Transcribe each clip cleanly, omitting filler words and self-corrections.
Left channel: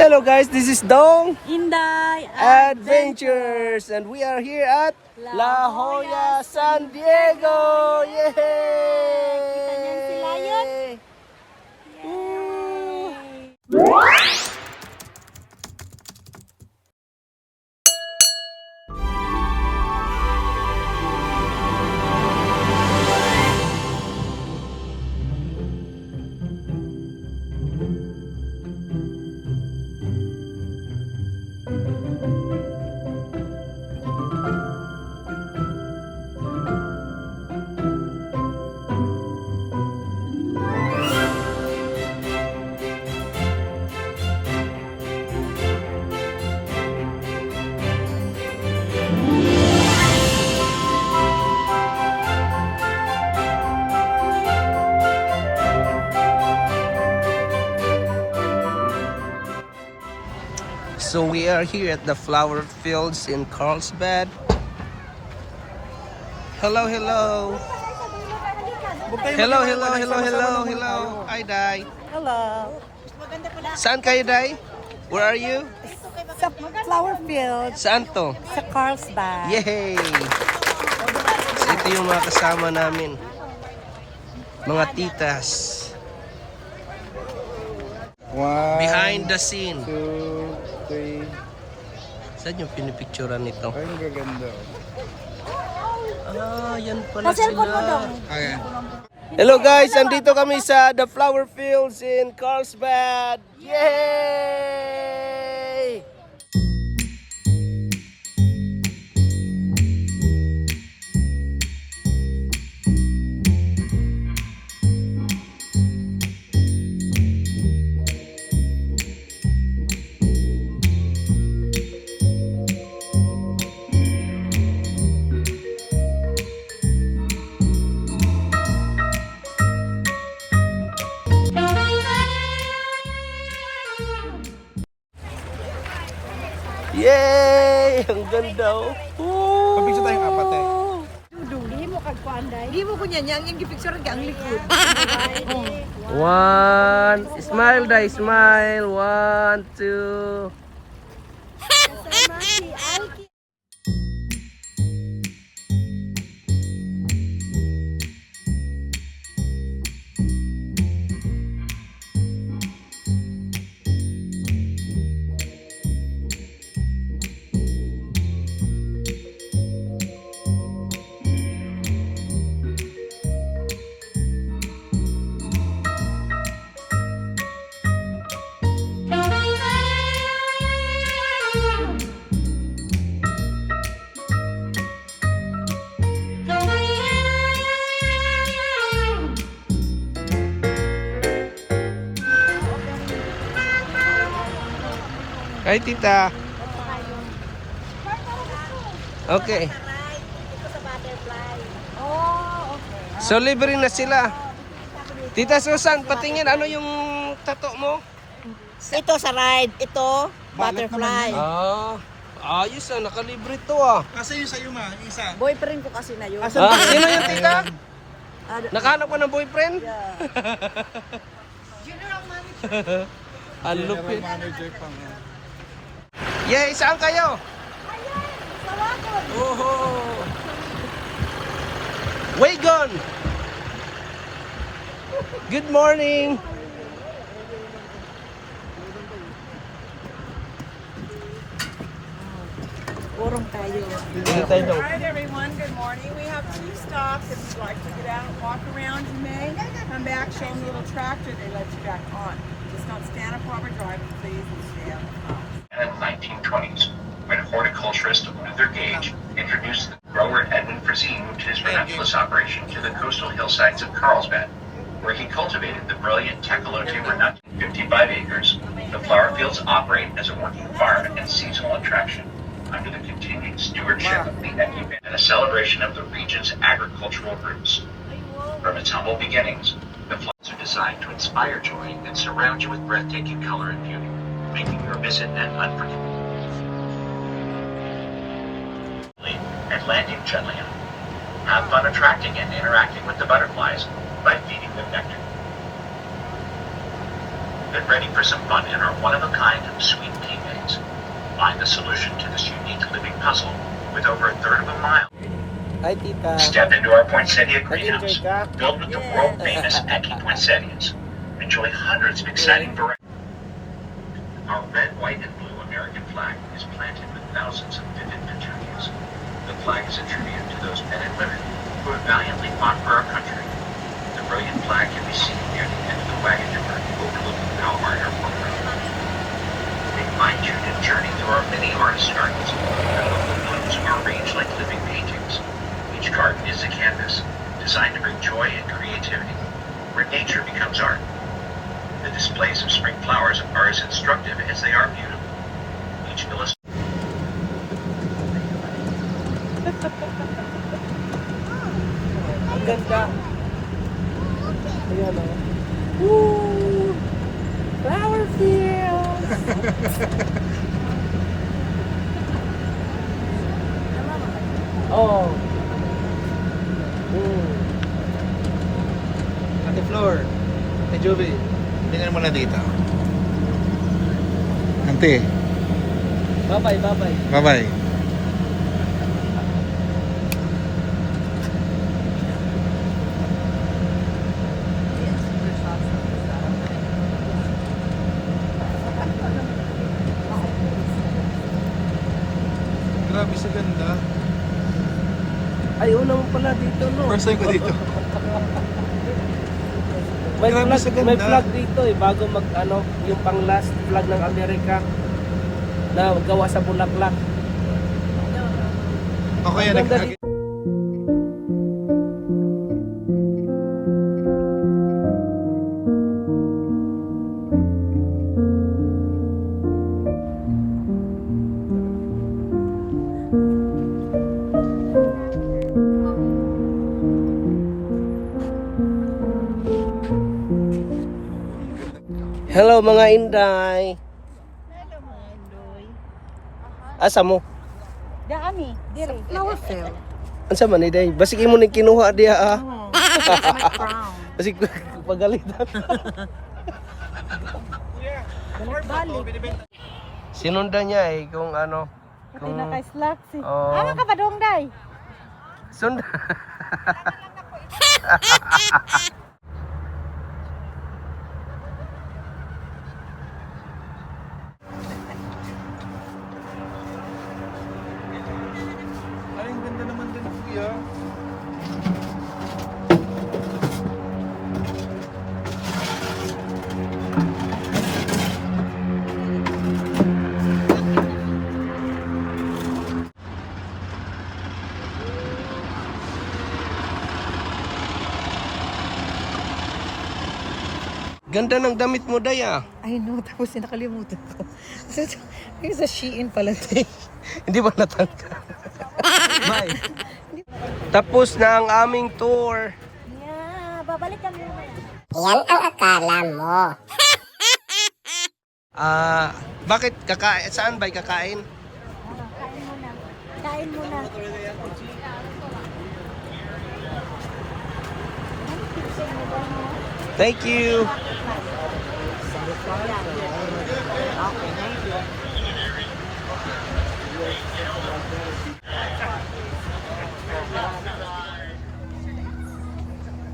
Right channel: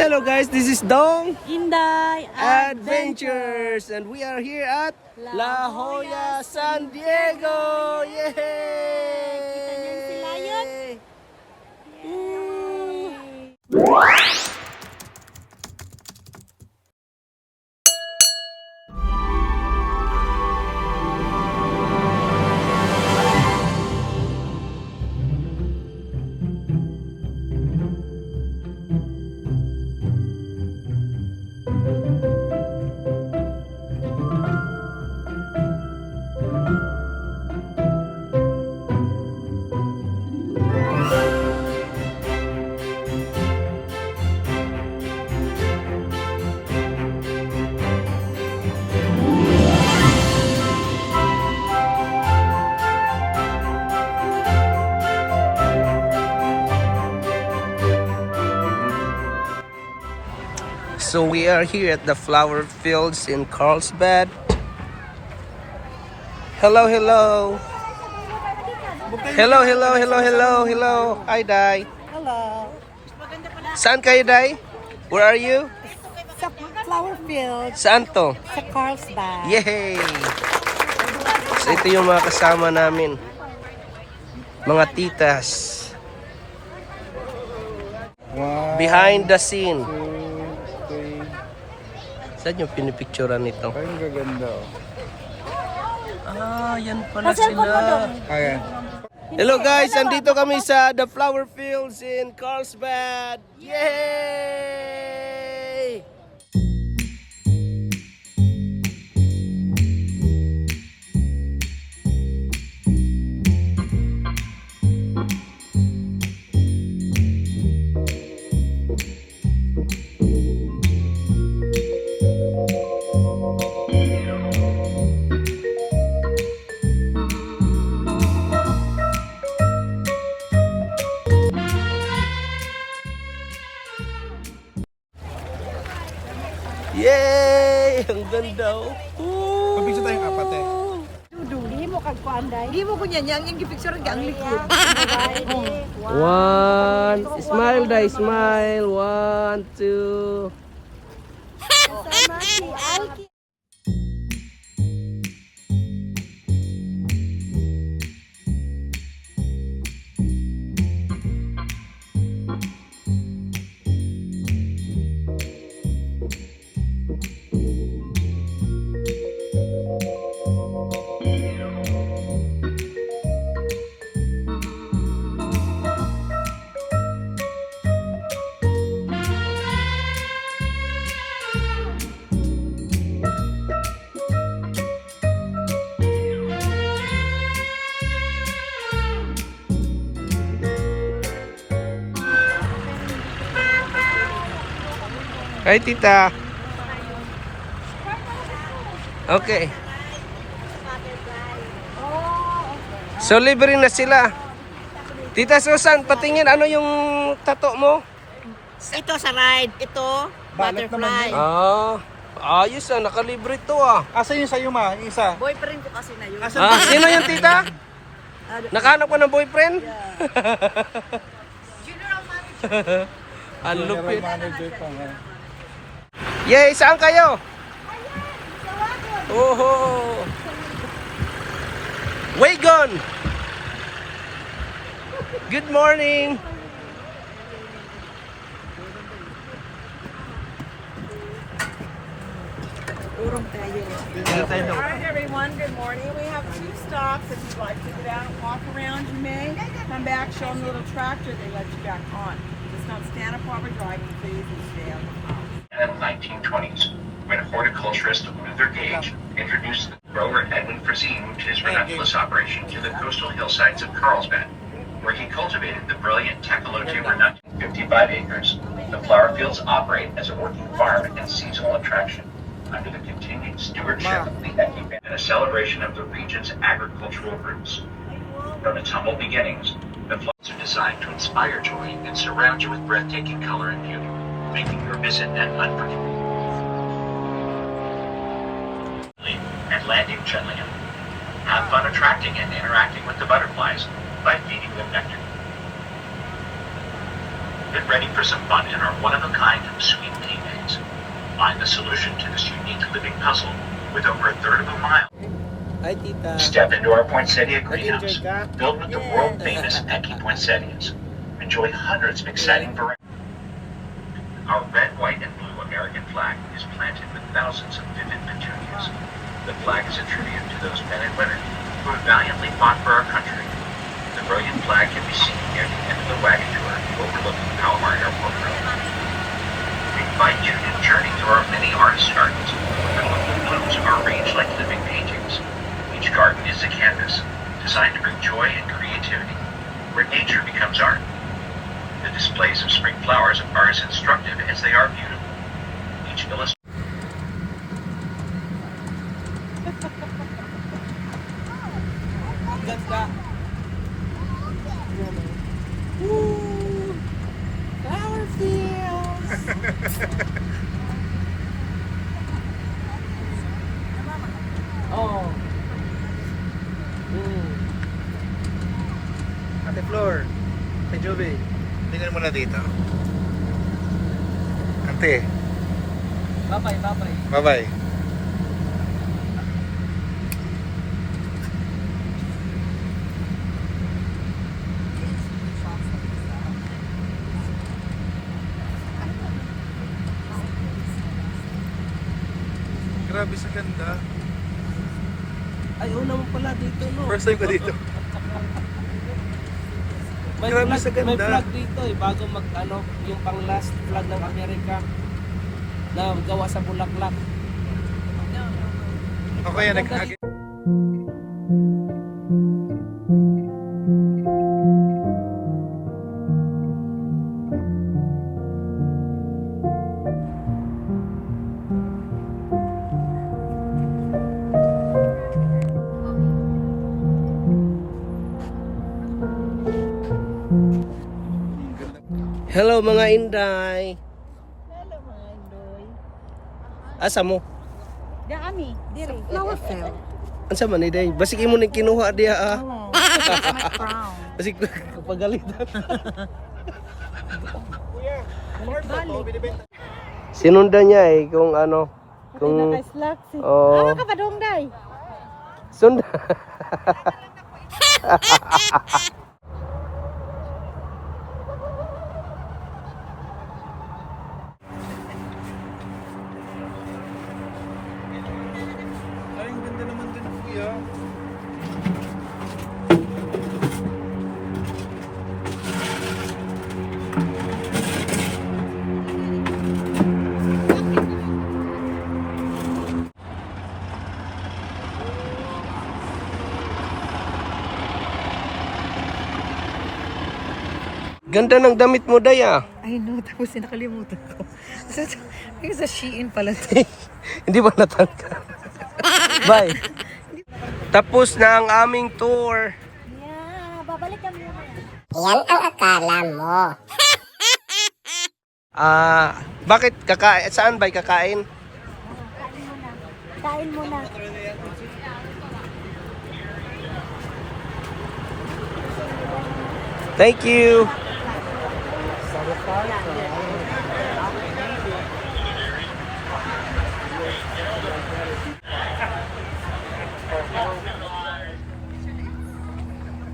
Hello guys, this is Dong Inday Adventures and we are here at La Jolla, San Diego. Yay! Kita niyan si Lion? So we are here at the flower fields in Carlsbad. Hello, hello. Hello, hello, hello, hello, hello. Hi, Dai. Hello. Saan kayo, Dai? Where are you? Sa flower field Saan to? sa Carlsbad. Yay! Ito yung mga kasama namin. Mga titas. Behind the scene. 2, 3. Saan yung pinipicturean nito? Ay, ang gaganda. Ah, yan pala Cellphone mo sila. dong. Ayan. Hello guys, nandito kami sa the flower fields in Carlsbad. Yay! Yay! Ang ganda oh. Pabigsa tayong apat eh. Dudi mo kag kuanday. Di mo kunya niya ang gipicture ang likod. One, smile Dai, smile. 1, 2. Hi, tita. Okay. So, libre na sila. Tita Susan, patingin ano yung tato mo? Ito sa ride, ito butterfly. Ah, ayos ah. Nakalibre to ah. Asa yung sa'yo ma? Yung isa? Boyfriend ko kasi na yun. Ah, sino yung tita? Nakahanap ka ng boyfriend? General manager. Ang lupit. Manager pa nga. Yay, saan kayo? Oho. Wagon. Good morning. Urong tayo. Dito tayo dong. Alright everyone, good morning. We have 2 stops. If you'd like to get out and walk around, you may. Come back, show them the little tractor, they let you back on. Just not stand up while we're driving, please, and stay on the path. In the 1920s, when horticulturist Luther Gage introduced the grower Edwin Frazeen to his relentless operation to the coastal hillsides of Carlsbad, where he cultivated the brilliant Tecolote nut. 55 acres, the flower fields operate as a working farm and seasonal attraction under the continued stewardship of the Equipment and a celebration of the region's agricultural roots. From its humble beginnings, the flowers are designed to inspire joy and surround you with breathtaking color and beauty, making your visit an unforgettable. And landing gently on. Have fun attracting and interacting with the butterflies by feeding them nectar. Get ready for some fun in our one-of-a-kind sweet pea maze. Find the solution to this unique living puzzle with over a third of a mile. Hi, tita. Step into our poinsettia greenhouse, Nag-enjoy ka? filled with the world-famous Eki poinsettias. Enjoy hundreds of exciting varieties. Our red, white, and blue American flag is planted with thousands of vivid petunias. The flag is a tribute to those men and women who have valiantly fought for our country. The brilliant flag can be seen near the end of the wagon tour overlooking Palomar Airport Road. We invite you to journey through our many artist gardens. The blooms are arranged like living paintings. Each garden is a canvas designed to bring joy and creativity, where nature becomes art. The displays of spring flowers are as instructive as they are beautiful. Each illustration Ang ganda. Ayan o. Woo! Flower field! Oh. Ate Flor, Jovi, tingnan mo na dito. Ante, Bye-bye, bye-bye. bye-bye. Grabe sa ganda. Ay, una mo pala dito, no? First time ko dito. May Grabe flag, sa ganda. may flag dito eh, bago mag, ano, yung pang last flag ng Amerika na gawa sa bulaklak. Okay, Ang ganda dito. Hello mga Inday. Asa mo? Dami, dire. Flower field. Asa man Inday? Basig mo ni kinuha diha ah. Oh, crown. Basig kapagalitan. Sinundan niya eh kung ano. Pati na kay slacks eh. Oo. Ama ka pa dong, day? Sundan. Ay, ang ganda naman din, kuya. Ganda ng damit mo Day ah. I know, tapos nakalimutan ko. Yung sa Shein pala. Hindi ba natangka? Bye. Tapos na ang aming tour. Yeah, babalik kami naman. Yan ang akala mo. Bakit kakain? Saan ba kakain? Kain muna. Kain muna. Thank you.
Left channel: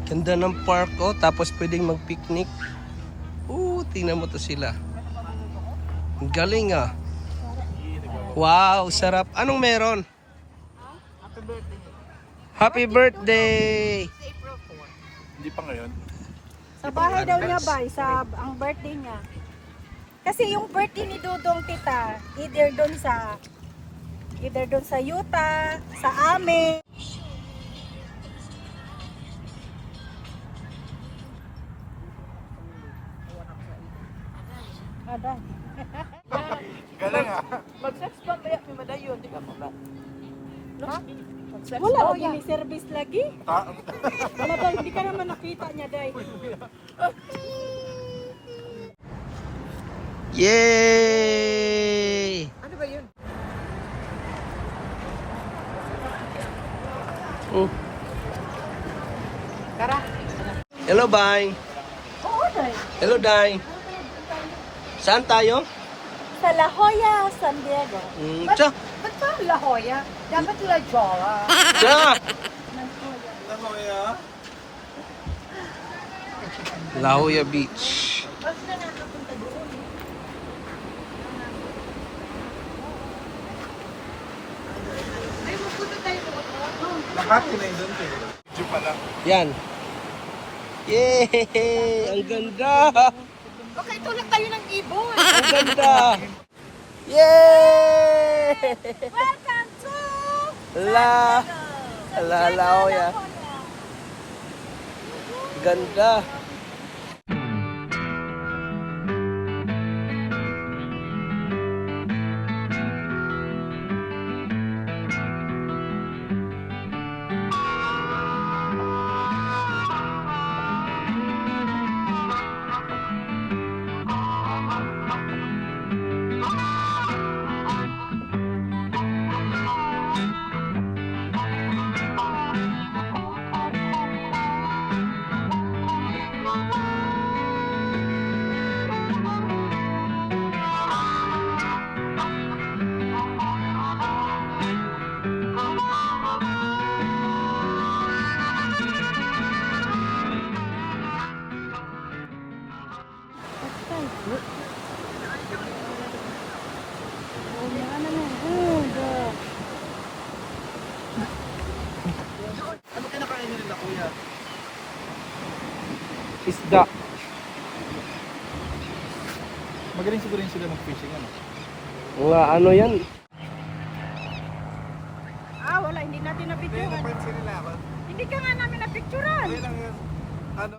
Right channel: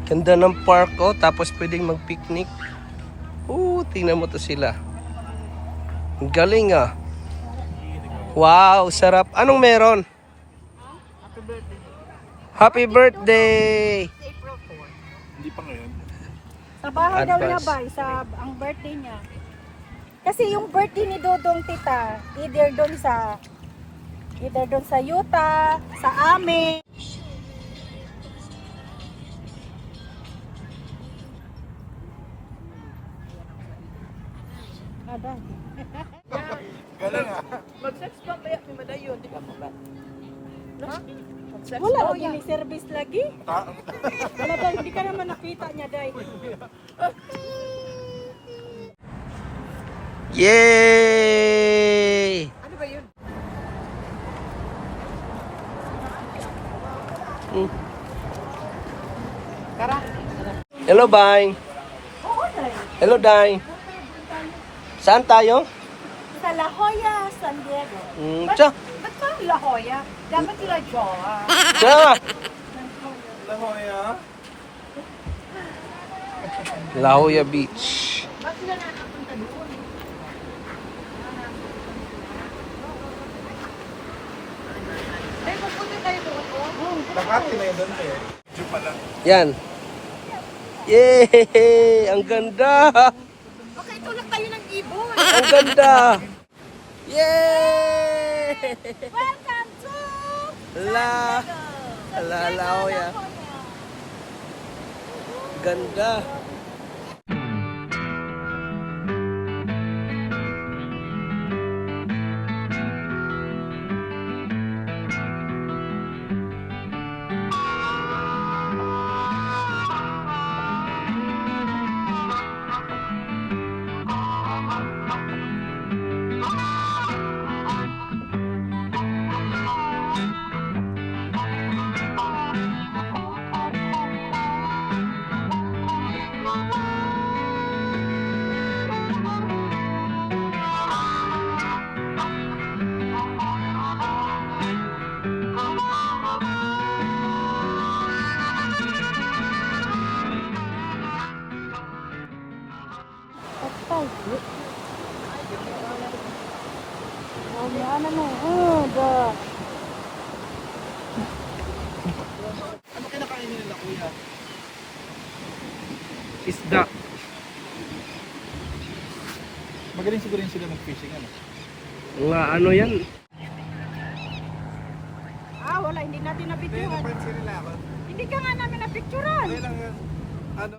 Ganda ng park oh, tapos pwedeng mag-picnic. Tingnan mo to sila. Ang galing ah. Wow, sarap. Anong meron? Happy birthday! Hindi pa ngayon. Sa bahay daw niya Advance. ba, ang birthday niya. Kasi yung birthday ni Dodong tita, either doon sa Utah, sa amin. Aday. Galing ah. Mag-sex bomb ba yan? May madayon, di ka mo ba? Ha? Mag-sex Wala bomb o yung service lagi. Ah, Wala daw, hindi ka naman nakita niya, day. Yay! Ano ba yun? Hello, bye. Oo, day. Hello, Day. Saan tayo? Sa La Jolla, San Diego. Tsa. Ba't pa La Jolla? Dapat La Jolla. Tsa. La Jolla Beach. Bakit sila nakapunta doon? Ay, magpunta tayo doon. Makati na yun doon eh. Jeep pala. Yan. Yay! Ang ganda! Baka itulak tayo ng ibon. Ang ganda! Yay! Welcome to La Jolla. Ganda. Ano kinakain nila kuya? Isda. Magaling siguro yun sila mag-fishing ano? Nga ano yan? Ah, wala. Hindi natin Hindi, napicturan. napansin nila ako. Hindi ka nga namin napicturan. Hindi lang yun. Ano?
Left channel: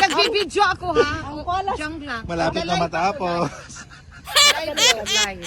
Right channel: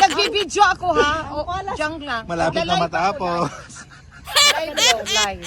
Nagbibidyo ako ha. Diyan lang. Malapit na matapos. Live.